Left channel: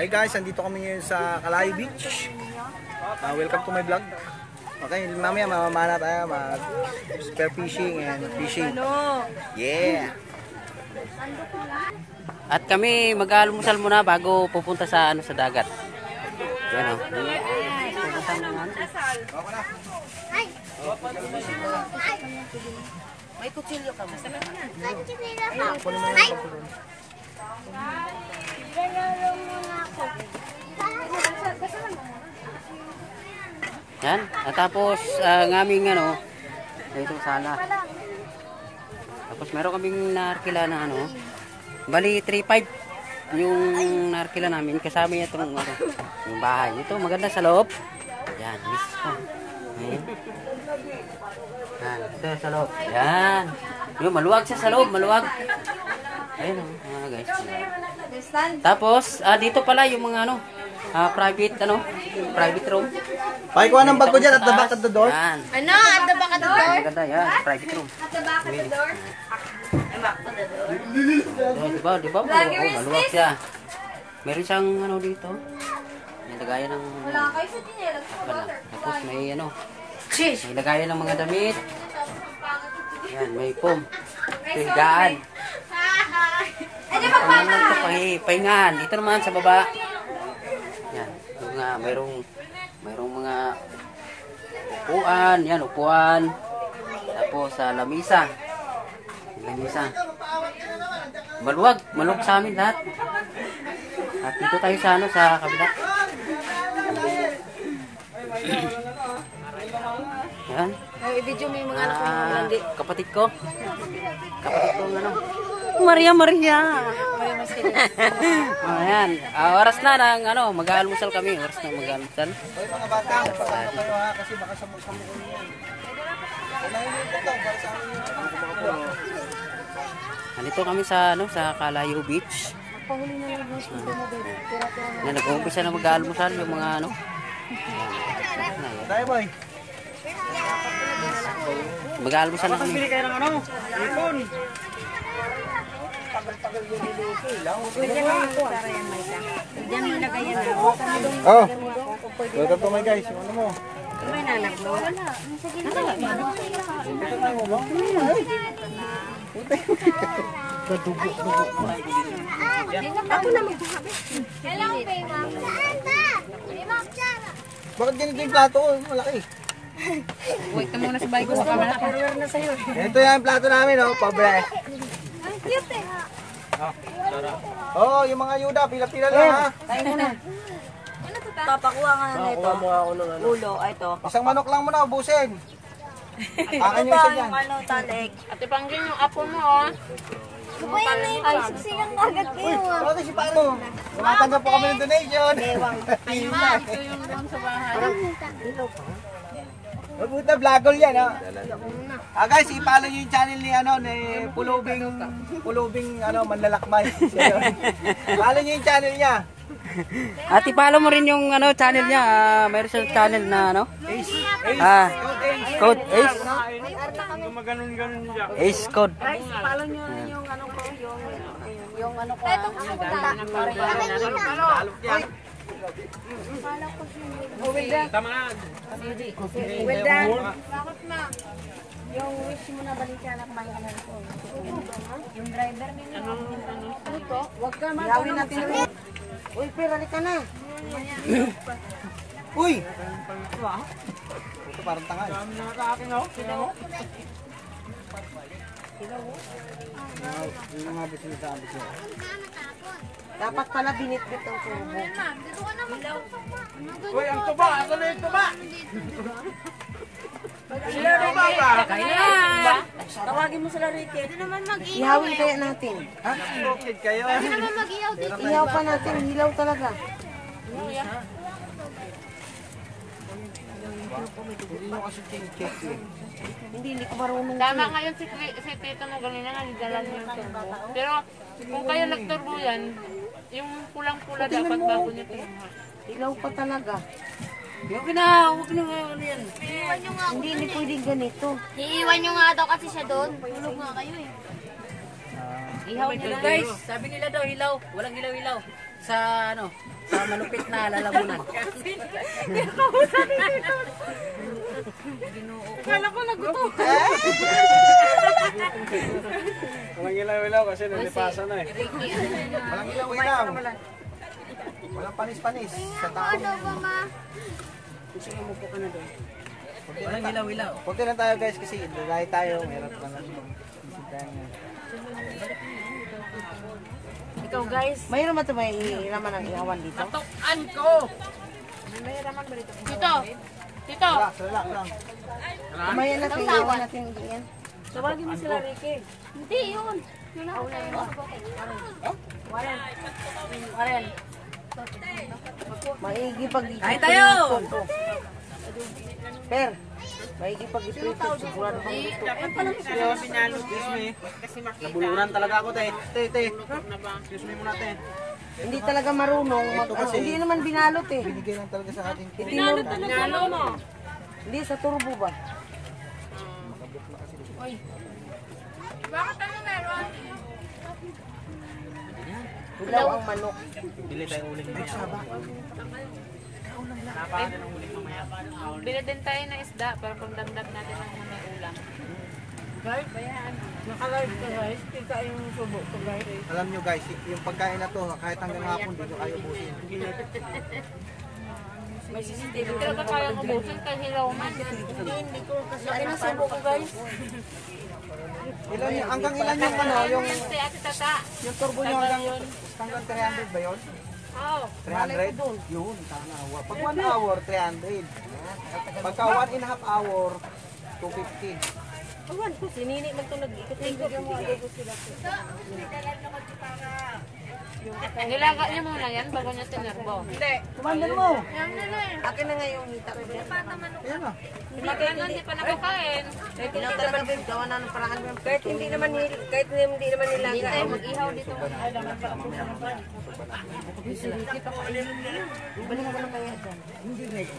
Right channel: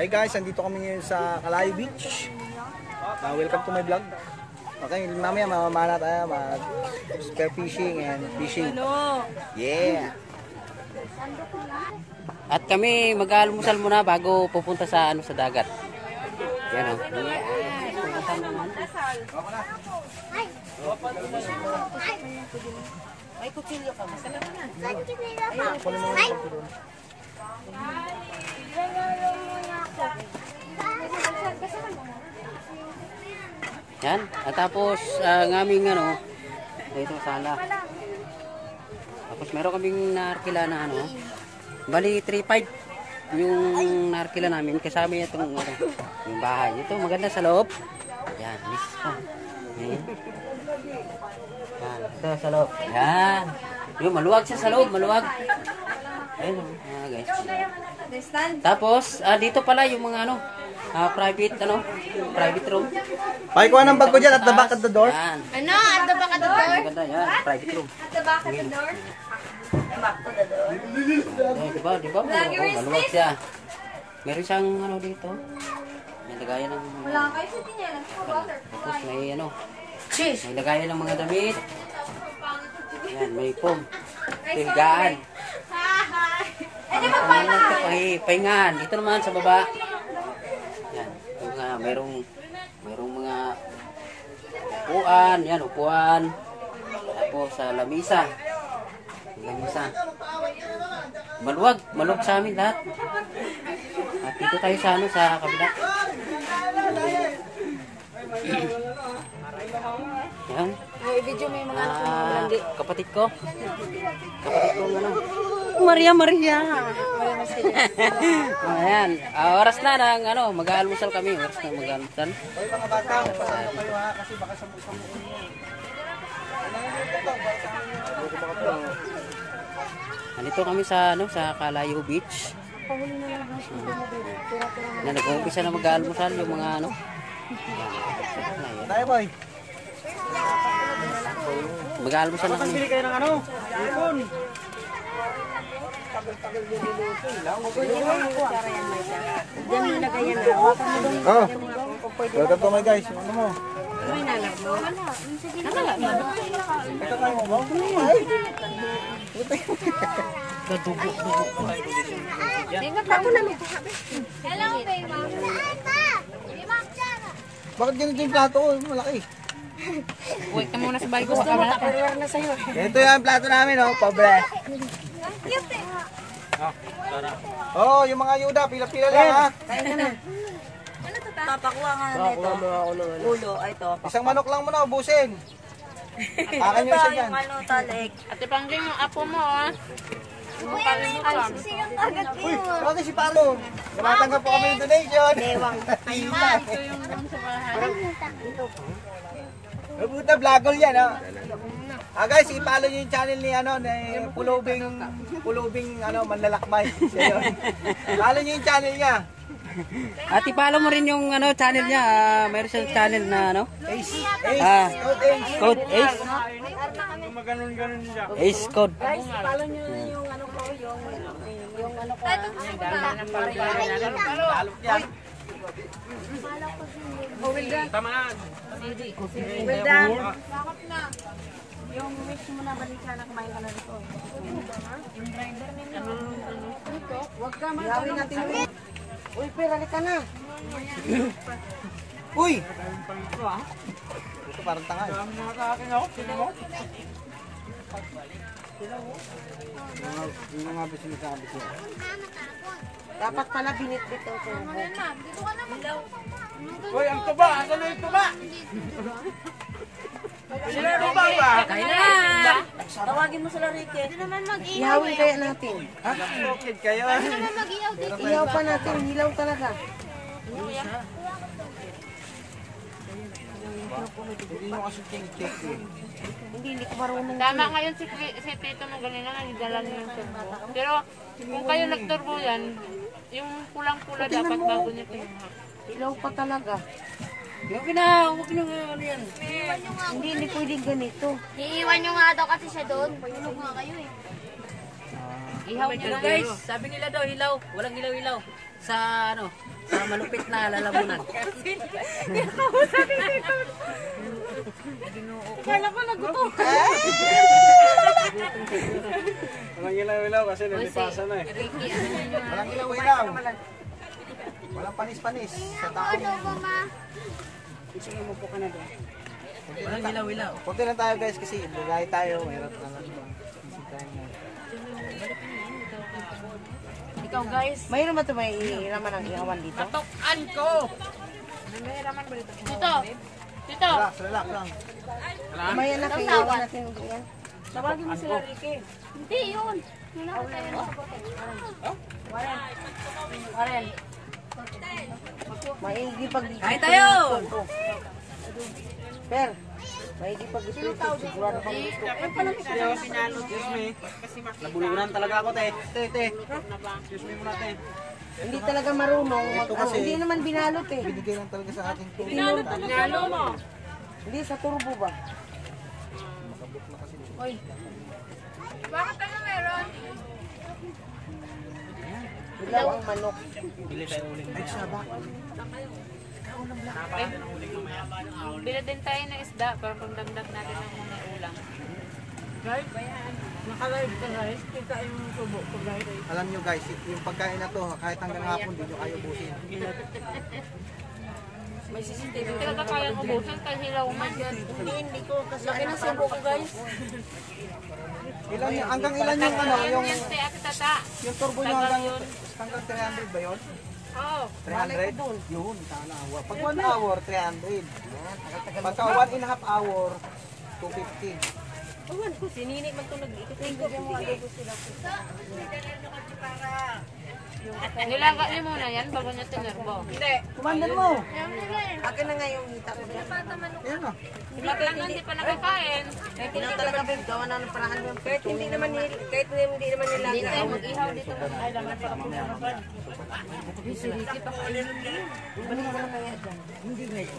Hi guys, andito kami ngayon sa Kalayo Beach. Welcome to my vlog. Okay, mamaya mamamana tayo mag spear fishing and fishing. Yeah. At kami mag-almusal muna bago pupunta sa sa dagat. Yan oh. May kutsilyo ka. Yan. At tapos ang aming ito sala. Tapos meron kaming naarkila na bali 3.5 yung naarkila namin kasama itong yung bahay. Ito maganda sa loob. Yan, mismo. Ayan. Yan, ito sa loob. Yan. Yung maluwag siya sa loob, maluwag. Ayun, guys. Tapos dito pala yung mga private room. Pakikuha ng bag ko dyan at the back of the door. Yan. At the back of the door? Maganda yan, private room. At the back of the door? Diba? Maluwag siya. Meron siyang dito. May lagayan ng Wala kayo sa tinelang sa water. tapos may may lagayan ng mga damit. Yan, may foam. Higaan. Pahingahan. Dito naman sa baba. Yan, mayroong mga upuan, yan upuan. Tapos lamisa. Lamisa. Maluwag sa amin lahat. At dito tayo sa kabila. Yan. Ay, video may mga anak ng mga landi. Kapatid ko Maria. Maria Marcelo. Ayan. Oras na ng mag-aalmusal kami. Oras na mag-aalmusal. Hoy mga bata, kasi baka sabog kami. Nandito kami sa Kalayo Beach. Na nag-uumpisa na mag-aalmusal yung mga Tayo boy. Mag-aalmusal na kami. Bili kayo ng ipon. Oh. Welcome to my guys. Ano mo? May nanak mo? Wala. Kadugo. Ako na magpahabi. Hello, Payma. Bakit ganyan yung plato? Malaki. Wait ka muna sa bahay ko. Gusto mo, takarware na sa'yo. Ito yung plato namin, pobre. Ang cute eh. Yung mga yuda, pila-pila lang ha. Kain mo na. Ano to ta? Papakuha nga na ito. Ulo, ay ito. Isang manok lang muna, ubusin. Akin yung isa dyan. Taleg. Ate Pangging, yung apo mo, Ay, susigang agad kayo. Ano si Palo? Namatanggap po kami ng donation. Bewang. ito yung doon sa bahay. Mabuta vlogol yan, guys, i-follow nyo yung channel ni Pulubing Manlalakmay. Follow nyo yung channel niya. At i-follow mo rin yung channel niya. Mayroon siyang channel na Code Ace. Ace Code. Guys, follow nyo yung ko, yung ko. Tamaan. Bakit na? Yung wish mo na balikan na kumain ka na rito. Yung driver ninyo. Ano to? Huwag ka Yawin natin. Uy, pero halika na. Uy! Ito parang tanga eh. Yung mga sabi ko. dapat pala binitbit ang tubo. Dito ka naman. Uy, ang tuba! Asan na yung tuba? Sila rin ba? Kain na! Tawagin mo sila Ricky. Ihawin kaya natin. Ha? Okay kayo. Ihaw pa natin. Hilaw talaga. Hindi nyo kasi tingkit yun. Hindi ko marunong. Tama ngayon si Tito mo ganina nagdalan yung turbo. Pero kung kayo nagturbo yan, yung pulang-pula dapat bago nyo tingnan. Hilaw pa talaga. Huwag na yan. Hindi pwedeng ganito. Iiwan nyo nga daw kasi siya doon. Payalog nga kayo eh. Ihaw nyo na Guys, sabi nila daw hilaw. Walang hilaw-hilaw. sa ano, sa malupit na lalamunan. Kala ko naguto. Walang ilaw-ilaw kasi nalipasa na eh. Walang ilaw-ilaw. Walang panis-panis sa tao. Sige mo po ka na doon. Walang ilaw-ilaw. Kunti lang tayo guys kasi ilagay tayo. Mahirap na lang itong bisitahan nga. Ikaw guys. Mayroon ba ito may naman ang ihawan dito? Tukan ko! May raman ba dito? Tito! Tito! Relax, relax lang. Mamaya na kayo ihawan natin yan. Tawagin mo sila Ricky. Hindi yun. Yun ako tayo. Warren. Maigi pag dito. Kain tayo! Per, maigi pag dito. Sigurado pag dito. Excuse me. Nabuluran talaga ako te. Te. Excuse me muna te. Hindi talaga marunong. Ito kasi- Hindi naman binalot eh. Binigay lang talaga sa atin. Pinalo mo. Hindi sa turbo ba? Bakit ano meron? Ilaw ang manok. Bili tayo ulit. Ay, saba. Bili din tayo ng isda para pagdagdag natin ng mga ulam. Guys, naka-live ka guys. Kita yung subo ko guys. Alam nyo guys, yung pagkain na to, kahit hanggang hapon, di nyo kayo busin. May CCTV. Pero ka kaya ko busin kahit hilaw man. Hindi ko kasi Laki ng subo ko guys. Ilan yung, hanggang ilan yung ano, yung, Si Ate Tata. yung turbo nyo hanggang 300 ba yun? Oo. 300? Yun, sana. Pag 1 hour, 300. Pagka 1.5 hour, 250. Awan ko, sinini lang ito nag-ikot-ikot. Mo adobo sila. Nilaga niyo muna yan bago niya tinerbo. Hindi. Kumandan mo. Akin na nga yung hita ko dyan. Yan na. Bakit hindi pa nakakain? Kahit hindi talaga babe, gawa na ng paraan yung kahit hindi naman nila, hindi na Mag-ihaw dito. Ay, dapat pa. Ibalik ko na kaya dyan. Hindi na ito.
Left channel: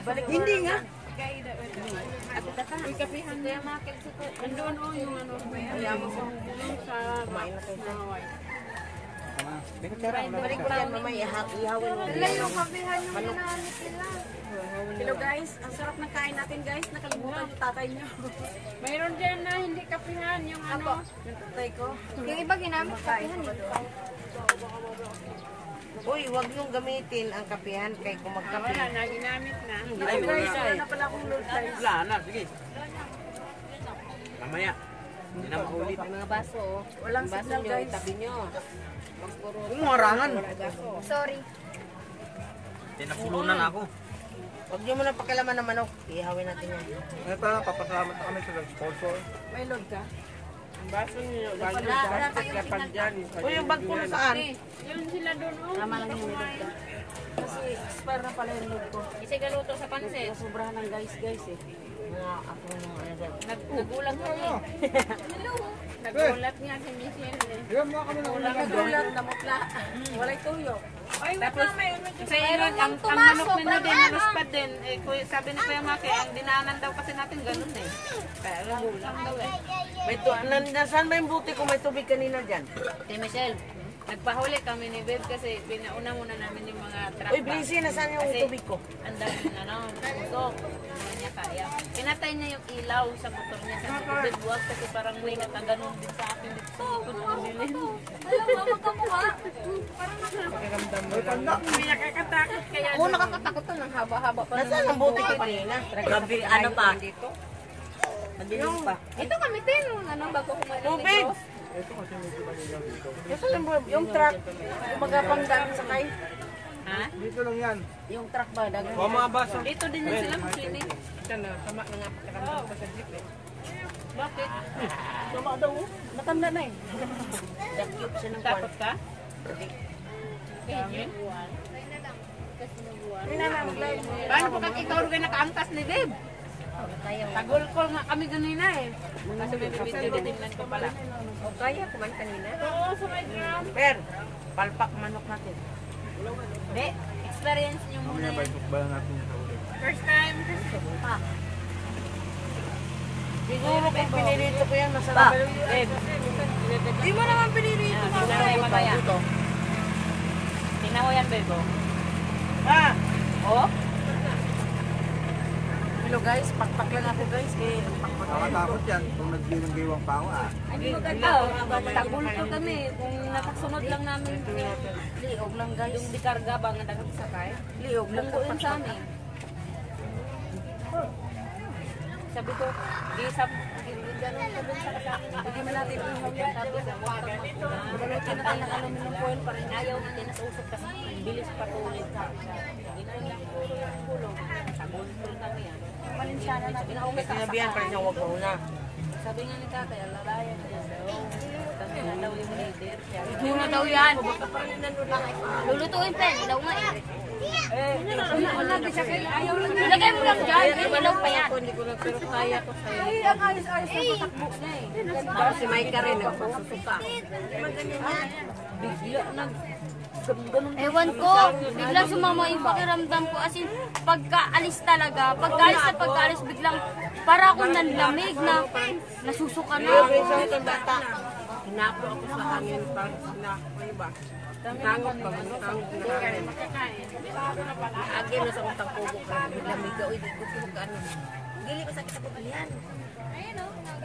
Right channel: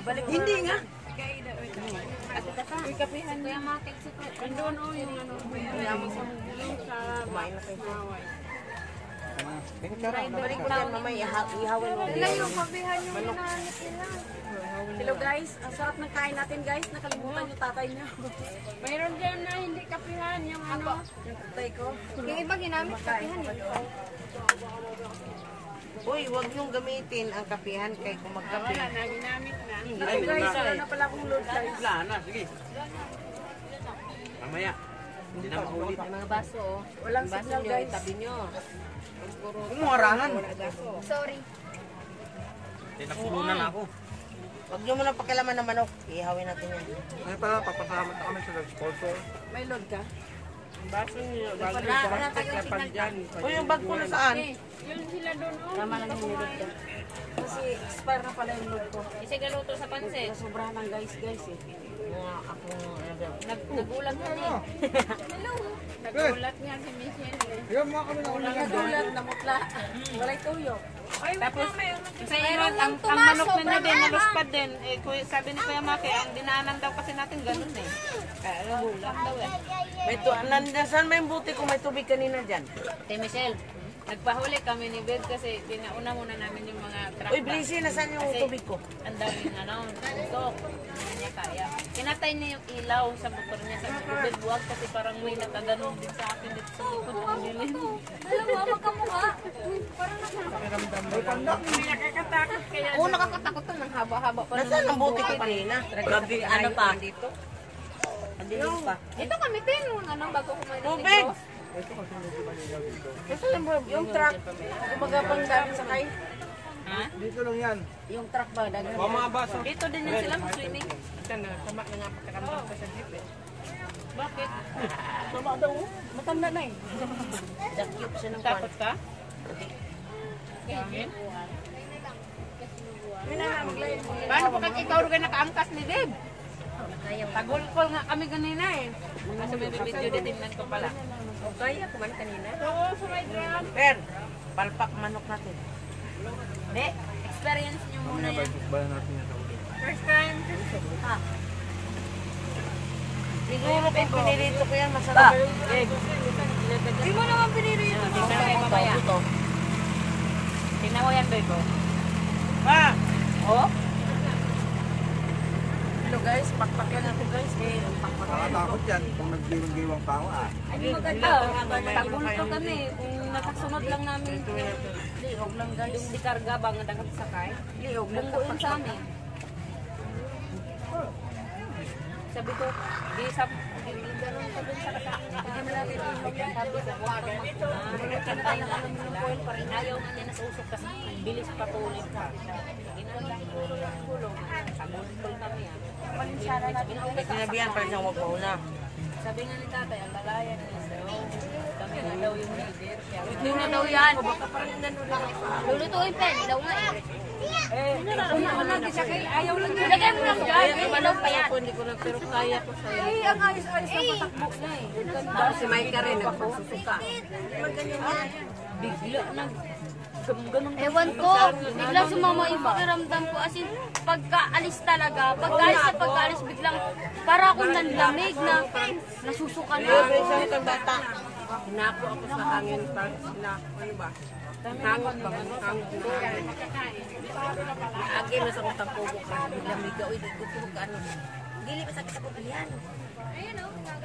Ibalik hindi nga. Ate Tata. Ikapihan niya makit sa ko. Andun yung Kumain na kayo dyan. Tama na. May kutsara. Ibalik ko yan mamaya, ihawin mo. Yung kapihan yung hinahanap nila. Hello guys, ang sarap ng kain natin guys. Nakalimutan yung tatay niyo. Mayroon dyan na hindi kapihan yung ano. Yung tatay ko. Yung iba ginamit kapihan. Uy, wag yung gamitin ang kapihan kay kung magkape. Wala na, ginamit na. Ay guys, wala na pala akong load guys. Wala na, sige. Mamaya. Hindi na maulit. May mga baso oh. Walang signal guys. Itabi nyo. Umuorangan. Sorry. Tinapulunan ako. Huwag nyo muna pakilaman ng manok. Ihawin natin yan. Ay pa, papasalamat na kami sa sponsor. May load ka? Baso niyo. Uy, yung bag ko na saan? Yun sila doon. Tama lang yung load ka. Kasi expire na pala yung load ko. Isigaluto sa pansit. Sobrahan ng guys eh. Mga ako ng Nagulat na niya. Nagulat niya si Michelle. Yan mga kami na ulang. nagulat, namutla. Walay tuyok. Ay, wala Kasi yun, ang manok na niya din, naluspad din. Eh, sabi ni Kuya Maki, ang dinaanan daw kasi natin ganun eh. Kaya nagulat daw eh. Nasaan ba yung buti kung may tubig kanina dyan? Si Michelle, nagpahuli kami ni Beth kasi pinauna muna namin yung mga truck. Uy, Blissy, nasaan yung tubig ko? Ang daming usok. Hindi niya kaya. Pinatay niya yung ilaw sa motor niya sa tubig. Buwag kasi parang may nataganon din sa akin dito sa likod ng bilin. Alam mo, magkamukha. Nakakatakot kaya. Oo, nakakatakot to ng haba-haba pa. Nasaan ang buti ko kanina? Gabi, ano pa? Dito? Madilim pa. Ito kami din. Anong bago kumain ng Tubig! negros. Ito kasi medyo malinaw dito. Nasaan yung truck? Gumagapang dami sakay? Ha? Dito lang yan. Yung truck ba? Dagang Dito din yan sila mag-swimming. Sama na nga pagkakamdam ko sa jeep eh. Bakit? Sama daw. Matanda na eh. Dakip siya ng kwan. Takot ka? Paano po kag ikaw rin nakaangkas ni Babe? Tagulkol nga kami ganina eh. Kasi may video din ko pala. O kaya kuman kanina? Per, palpak manok natin. Hindi, experience nyo muna Mamaya yan. ba natin yan sa ulit. First time. Siguro kung pinirito ko yan, masarap. Hindi mo naman pinirito. Tingnan mo mamaya. Tingnan mo yan, Bebo. Oh? Hello guys, pakpak lang ako guys. Nakatakot yan kung nagdiwang-diwang pa ako Tagulto kami. Kung nakasunod lang namin. Liog lang guys. Yung dikarga ba nga dapat sakay? Liog lang Bunggo yun sa amin. Sabi ko, di ganun ka dun sa kasama niya. Hindi mo natin ihaw yung sabi ko, huwag kang mag-una. Kinakaya ka namin yung foil pa rin. Ayaw natin na sa usok kasi bilis patuloy ka. Ginagawa puro yung gulong. Tagulto kami yan. Sinabihan pa rin siya huwag mauna. Sabi nga ni tatay, ang lalaya na yan daw. Kami na daw yung leader. Hindi na daw yan. Lulutuin pa, ilaw nga eh. Ayaw lang yun. Ilagay mo lang dyan. Ilaw pa yan. Hindi ko lang, pero kaya ko sa'yo. Ang ayos-ayos na patakbo na eh. Si Mike rin, nagpagsusuka. Bigla lang. Ewan ko, biglang sumama yung pakiramdam ko. As in, pagkaalis talaga, pagkaalis, biglang para akong nanlamig na nasusuka na ako. Itong bata, hinapo ako sa hangin pag ano ba? Hangot ba? Hangot na hangin. Agin na sa kong tangkubo ka, biglang migaw, gusto ko ka ano. Gili pa sakit ako yan.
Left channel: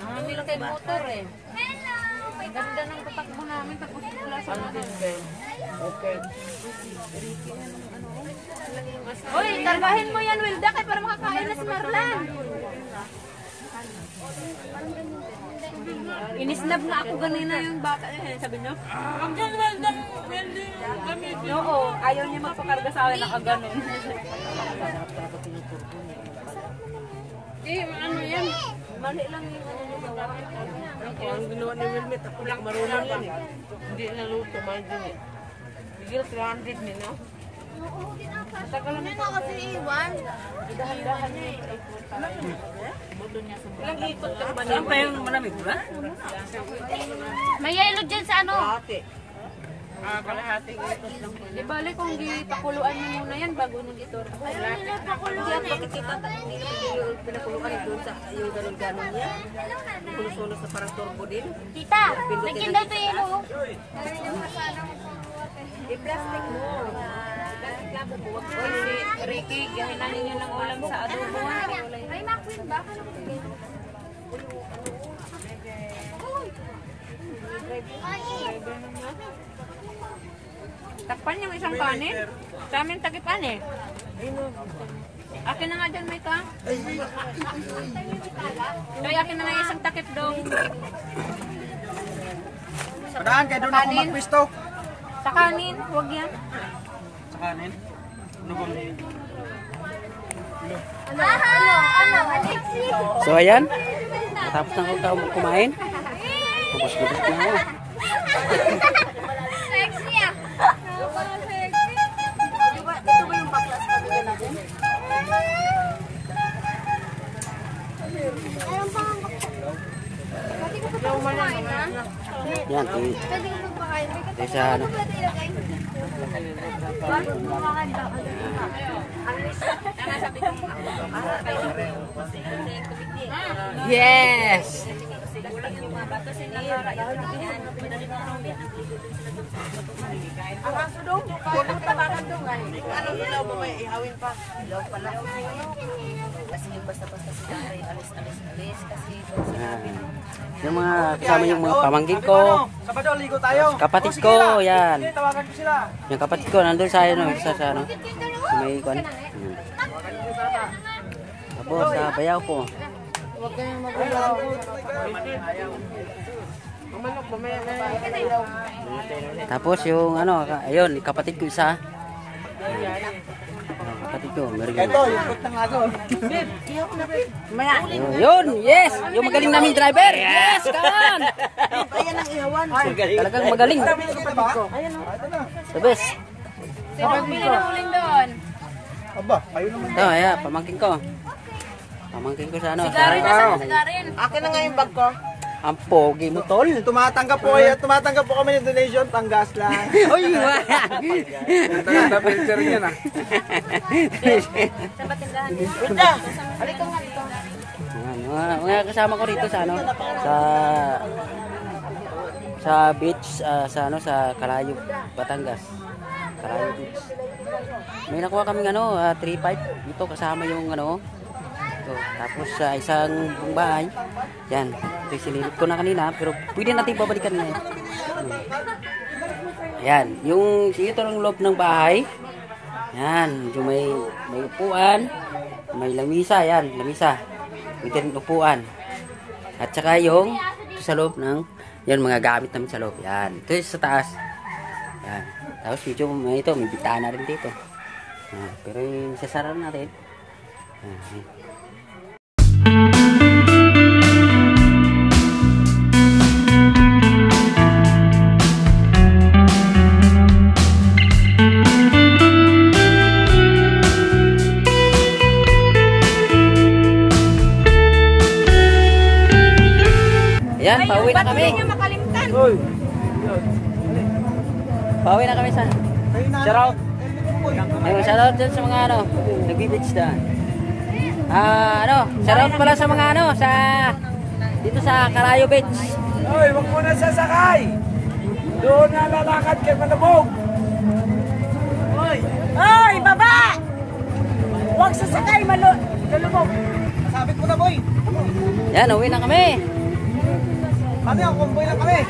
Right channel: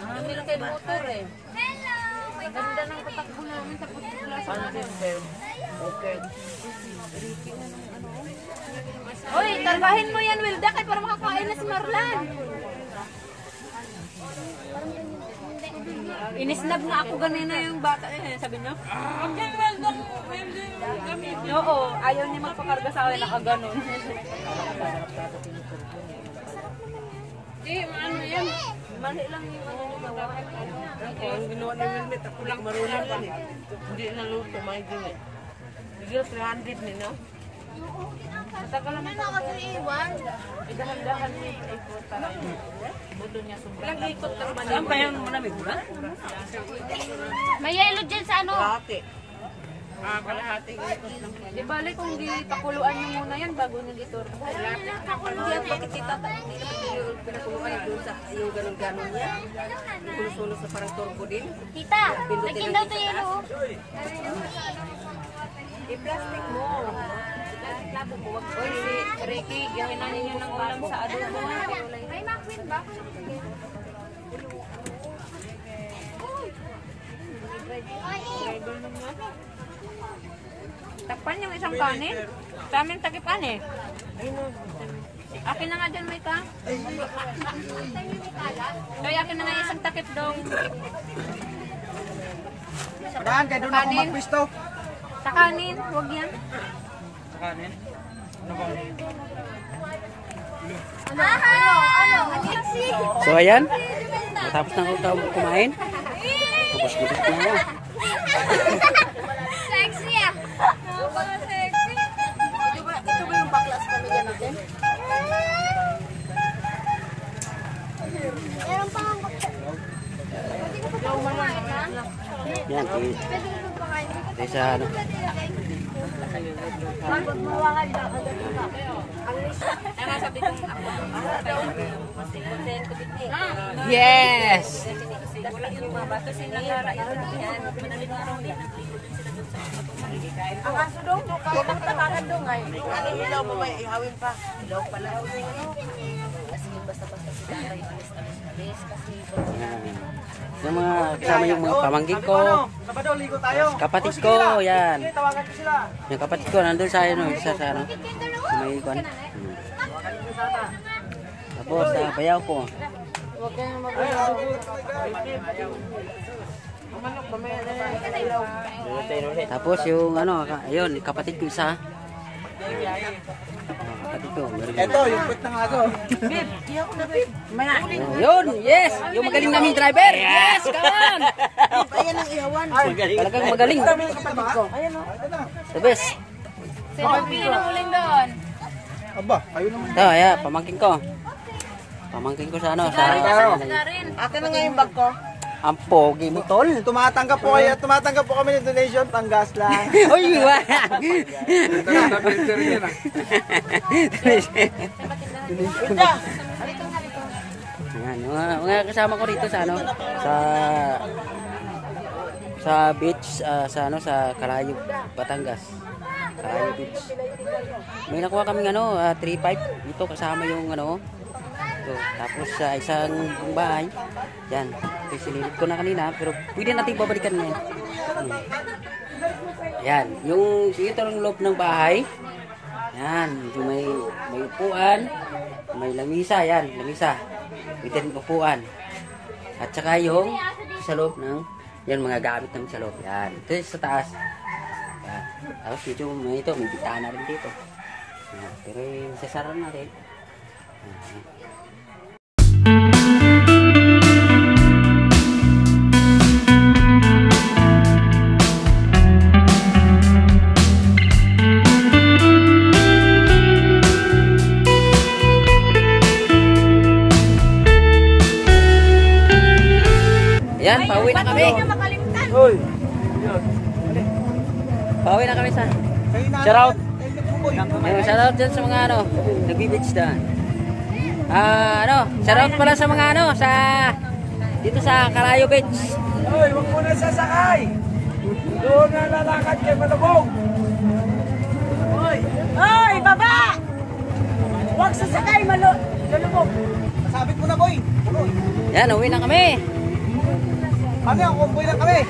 Kami lang kayo motor eh. Ganda ng patakbo namin, tapos bigla sa natin. Okay. Hoy, targahin mo yan, Wilda, kaya para makakain na si Marlan. Inisnab nga ako ganina yung bata niya, sabi niya. Oo, ayaw niya magpakarga sa akin, nakaganon. Ano yan? Mali lang yung ano niya gawa. Ang ginawa ni Wilmet, ako lang marunong pa niya. Hindi naluto, mahal din eh. Bigla 300 ni, no? Matagal naman ito kasi iwan. Dahan-dahan mo yung effort para buto niya sobrang. Ilang ikot lang ba niya? Saan pa yung malamig ba? May yelo dyan sa ano? Kalahati. Kalahating ikot lang ba? Di bali kung di pakuluan niyo muna yan bago nag-iturbo. Hindi ako makikita. Hindi naman yung pinakuluan doon sa yung ganun-ganun niya. Pulos-pulos na parang turbo din. Tita, nagkinda ito yelo. I-plastic mo. Labo mo, wag ko si Ricky, gahin na ninyo ng ulam sa adobo. May makwin ba? Takpan yung isang kanin. Sa amin takipan eh. Akin na nga dyan, may ka. Kaya akin na nga isang takip dong. Pagkaan, kaya doon ako magpwisto. Sa kanin, huwag yan. Sa kanin? Ano bang? Ano? Alexi? So ayan, matapos na ako kumain. Tapos gutot na ako. Sexy ah. Yan, ito sa ano. Yes! Ang aso daw, huwag mo tamakan doon ay. Ano ilaw mo may ihawin pa? Ilaw pala. Kasi basta-basta si Daray, alis kasi. Yung mga kasama yung mga pamangkin ko. Sabado, ligo tayo. Kapatid ko, yan. Sige, tawagan ko sila. Yung kapatid ko, nandun sa ano, sa ano. Sa may kwan. Tapos sa bayaw ko. Tapos yung ano, ayun, kapatid ko isa. Kapatid ko, meron. Ito, yung put ng aso. Yun, yes! Yung magaling naming driver! Yes, kawan! Ayan ang ihawan. Talagang magaling. Ayan o. The best. Sino pili ng uling doon? Aba, kayo naman. Ito, ayan, pamangkin ko. Pamangkin ko sa ano, sa... Akin na nga yung bag ko. Ang pogi mo, tol. Tumatanggap po kayo, tumatanggap po kami ng donation, panggas lang. Uy, wala. Ito yung na-printer niya na. Ayan, Mga kasama ko rito sa ano, sa beach, sa Calayo, Batangas. Calayo Beach. May nakuha kaming 3.5. Ito kasama yung ito. Tapos sa isang bahay. Yan. Ito sinilip ko na kanina, pero pwede natin babalikan ngayon. Yan, ito ang loob ng bahay. Yan, medyo may upuan, may lamisa, yan, lamisa. Pwede rin upuan. At saka yung sa loob ng, yan, mga gamit namin sa loob. Yan, ito sa taas. Yan. Tapos medyo may bitana rin dito. Yan. Pero yung sasara natin. Yan. Yan, pauwi na kami. Pauwi na kami sa shoutout. Shoutout dyan sa mga nagbi-beach dyan. Shoutout pala sa mga dito sa Calayo Beach. Hoy, wag mo na sasakay. Doon na lalakad kay Malabog. Ay, baba! Huwag sasakay, malulubog. Sabit mo na, boy. Yan, uwi na kami. Kami, ang kumboy na kami.